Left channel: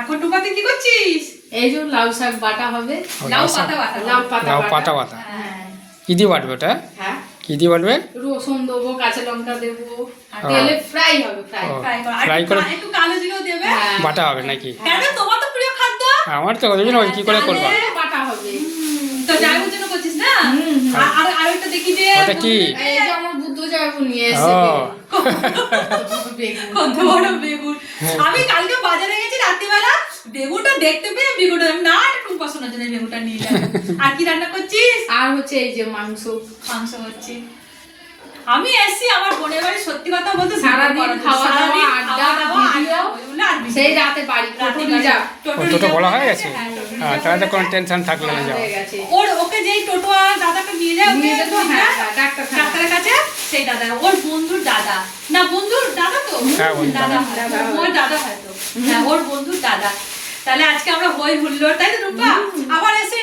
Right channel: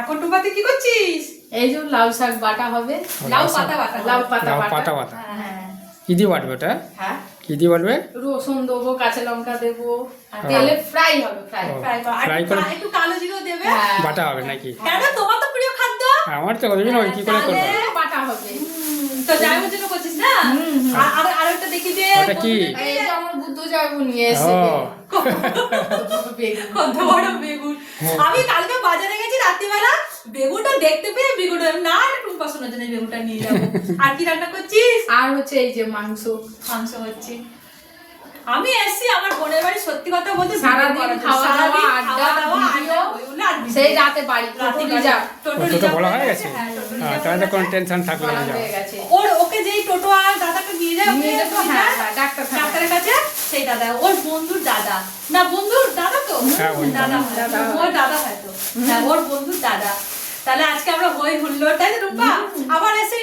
এখন টুপাতে কি করছিস? এই যে লাউ শাক বাটা হবে। লাউ পাতা বাটা। লাউ পাতা বাটা। হ্যাঁ কি দিয়ে বাটবে ওটা? হ্যাঁ, কি দিয়ে বাটবে? রসুন দেবো, কাঁচা লঙ্কা দেবো, আর তেলে ফ্রাই হবে, ফ্রাই। ও। ফ্রাই কর। আর ফ্রাই করে একটু কালো জিরেও দেবে। হ্যাঁ। বাটা হবে নাকি? কেন, তোমার তো প্রিয় খাদ্য। আমার তো ওই জন্য ওই কি করে করবো? তাহলে বাটা হবে। তো জামাইবাবুর জন্য করছিস না? আর ওইটা দেখি যে ওটা কি? এই যে আমার বুদ্ধ জামাইবাবু নিয়ে ও এসেছে বেগুন। কত বড় বেগুন। আমি কালকে বাজারে গেছি রাত্রিবেলা, বেগুনটা দেখতে পেয়ে বেগুনটা না টুম্পা শোনার জন্য বেগুনটা নিয়ে যাবো। আর কি রান্না করছিস? আর হচ্ছে এই যে মাংস। মাংস হচ্ছে। আমি এসছি আমার বোনের বাড়ি, সত্যি কথা বলতে সারাদিন খাওয়া দাওয়া, সারাদিন আড্ডা, খাওয়া দাওয়া, ভিডিও, আড্ডা, ওইগুলো আর ভিডিও। সেই রাতে বাড়ি রাতে টোটো বাড়ি। রিজার্ভ। টোটো ও, টোটো রিজার্ভ বলা হয়ে হয়ে গেছে? গেছে? হ্যাঁ, টোটো হ্যাঁ, রিজার্ভ তাহলে তো হয়ে কোনো গেছে। টেনশন থাকলো না যাওয়া। হয়ে গেছে। ওকে যেই টোটো আর দাদাকে নিয়ে যায়, নিয়ে ওকে যেত, হ্যাঁ, হ্যাঁ, ডাক্তারখানা। ডাক্তারের কাছে, সেই দাদা ওর বন্ধুর দাদা, না বন্ধুর দাদা তো, হ্যাঁ, ওই দাদা দাদা হয়। ওর দাদা হয়তো, হ্যাঁ ওর বন্ধুর দাদা। তাহলে আজকে আমরা হই হুল্লোড়, তাই তো রূপা? আবার এসে